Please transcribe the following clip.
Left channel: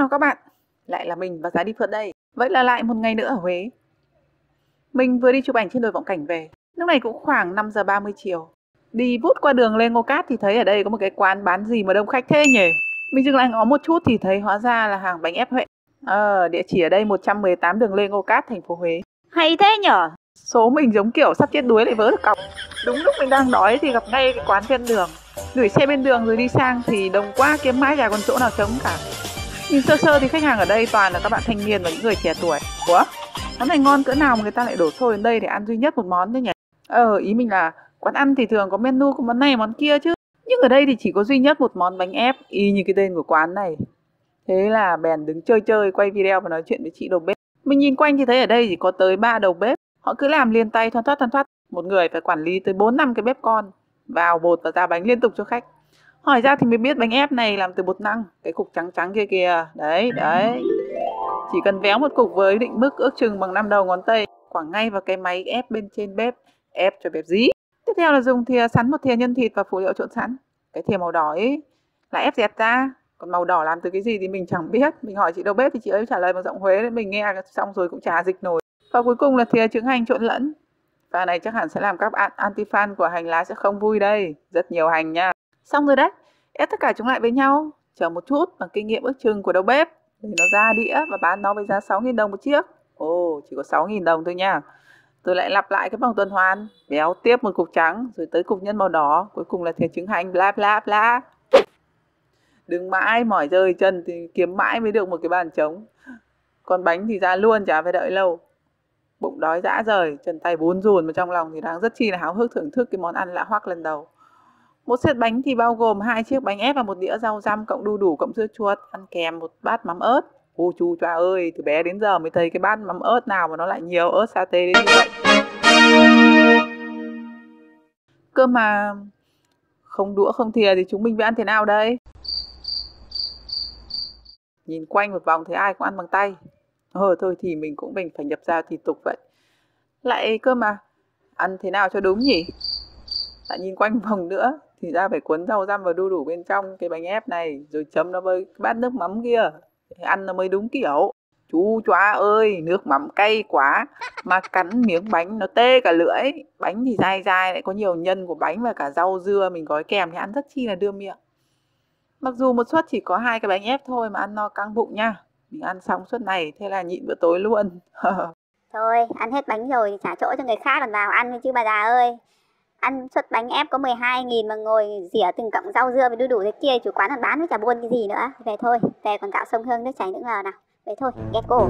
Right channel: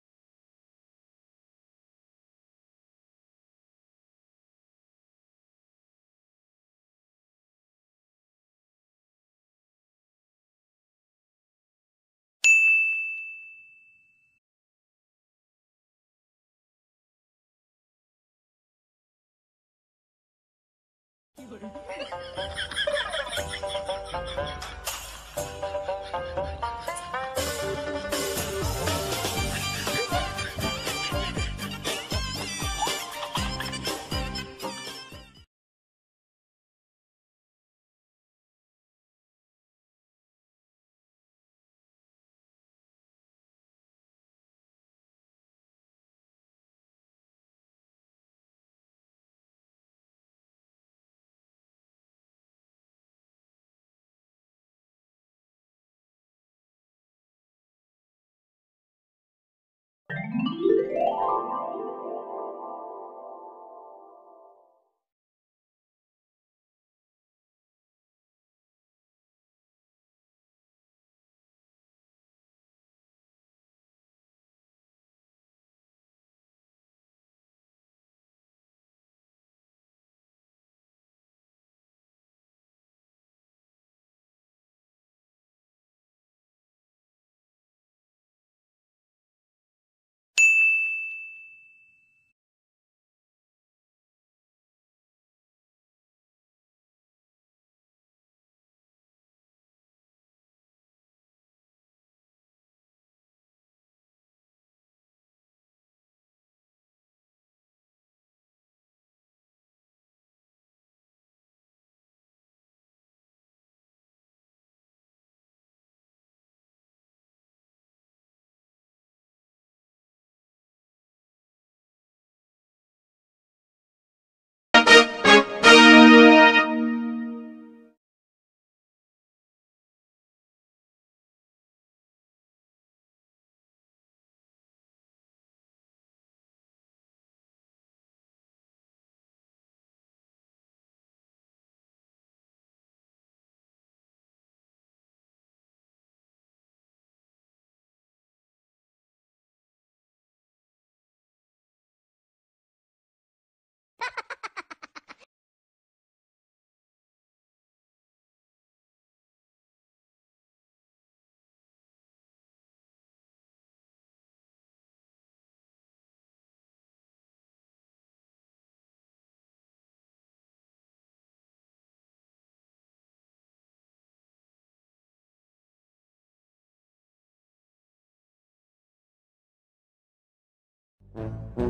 chào các bạn, lại là mình và Giá đi phượt đây. Vậy là lại một ngày nữa ở Huế. Mình vừa đi chụp ảnh trên đồi Vọng Cảnh về. Lúc này cũng khoảng 5 giờ 30 chiều. Đi vút qua đường Lê Ngô Cát thì thấy ở đây có một cái quán bán gì mà đông khách thế nhỉ. Mình dừng lại ngó một chút thì thấy hóa ra là hàng bánh ép Huệ. Địa chỉ ở đây 118 đường Lê Ngô Cát, thành phố Huế. Hay thế nhở? Số mình giống kiểu sắp chết đuối lại vớ được cọc. Đúng lúc mình đang đói thì gặp ngay cái quán trên đường. Gửi xe bên đường rồi đi sang thì đông quá kiếm mãi chả còn chỗ nào trống cả. Nhìn sơ sơ thì khách hàng ở đây toàn là các bạn thanh niên và những người trẻ tuổi. Ủa? Quán này ngon cỡ nào mà người ta lại đổ xô đến đây để ăn duy nhất một món thế nhỉ? Ý mình là quán ăn thì thường có menu có món này món kia chứ. Nhưng ở đây thì chỉ có duy nhất một món bánh ép y như cái tên của quán này. Thế là bèn đứng chơi chơi quay video và nói chuyện với chị đầu bếp. Mình nhìn quanh thì thấy ở đây chỉ có tới 3 đầu bếp. Họ cứ làm liền tay thoăn thoắt. Một người phải quản lý tới 4-5 cái bếp con. Vào bột và ra bánh liên tục cho khách. Hỏi ra thì mới biết bánh ép này làm từ bột năng. Cái cục trắng trắng kia kìa. Đấy. Chỉ cần véo một cục với định mức ước chừng bằng 5 đầu ngón tay, quẳng ngay vào cái máy ép bên trên bếp. Ép cho bẹp dí. Tiếp theo là dùng thìa sắn một thìa nhân thịt và phụ liệu trộn sẵn. Cái thìa màu đỏ ấy là ép dẹt ra. Còn màu đỏ làm từ cái gì thì mình chẳng biết. Mình hỏi chị đầu bếp thì chị ấy trả lời bằng giọng Huế nên mình nghe xong rồi cũng chả dịch nổi. Và cuối cùng là thìa trứng hành trộn lẫn. Và này chắc hẳn sẽ làm các bạn anti-fan của hành lá sẽ không vui đây. Rất nhiều hành nha. Xong rồi đấy. Ép tất cả chúng lại với nhau. Chờ một chút bằng kinh nghiệm ước chừng của đầu bếp. Để nó ra đĩa và bán nó với giá 6.000 đồng một chiếc. Chỉ có 6.000 đồng thôi nha. Tôi lại lặp lại cái vòng tuần hoàn. Béo tiếp một cục trắng. Rồi tới cục nhân màu đỏ. Cuối cùng là thìa trứng hành bla bla bla. Đứng mãi mỏi rơi chân thì kiếm mãi mới được một cái bàn trống. Còn bánh thì ra luôn chả phải đợi lâu. Bụng đói dã rời, chân tay bún rùn mà trong lòng thì đang rất chi là háo hức thưởng thức cái món ăn lạ hoắc lần đầu. Một set bánh thì bao gồm 2 chiếc bánh ép và một đĩa rau răm cộng đu đủ cộng dưa chuột, ăn kèm một bát mắm ớt. Ô chú choa ơi, từ bé đến giờ mới thấy cái bát mắm ớt nào mà nó lại nhiều ớt sa tế đến vậy. Cơ mà không đũa không thìa thì chúng mình phải ăn thế nào đây? Nhìn quanh một vòng thấy ai cũng ăn bằng tay. Thôi thì mình cũng phải nhập ra thì tục vậy. Lại cơ mà, ăn thế nào cho đúng nhỉ? Lại nhìn quanh vòng nữa thì ra phải cuốn rau răm và đu đủ bên trong cái bánh ép này, rồi chấm nó với bát nước mắm kia, để ăn nó mới đúng kiểu. Chú chóa ơi, nước mắm cay quá, mà cắn miếng bánh nó tê cả lưỡi. Bánh thì dai dai, lại có nhiều nhân của bánh và cả rau dưa mình gói kèm thì ăn rất chi là đưa miệng. Mặc dù một suất chỉ có 2 cái bánh ép thôi mà ăn no căng bụng nha. Mình ăn xong suất này, thế là nhịn bữa tối luôn. Thôi, ăn hết bánh rồi thì trả chỗ cho người khác còn vào ăn chứ bà già ơi. Ăn suất bánh ép có 12.000 mà ngồi rỉa từng cọng rau dưa với đu đủ thế kia, chủ quán còn bán với chả buôn cái gì nữa. Về thôi, về còn gạo sông Hương nước chảy nữa nào. Về thôi, ghét cô.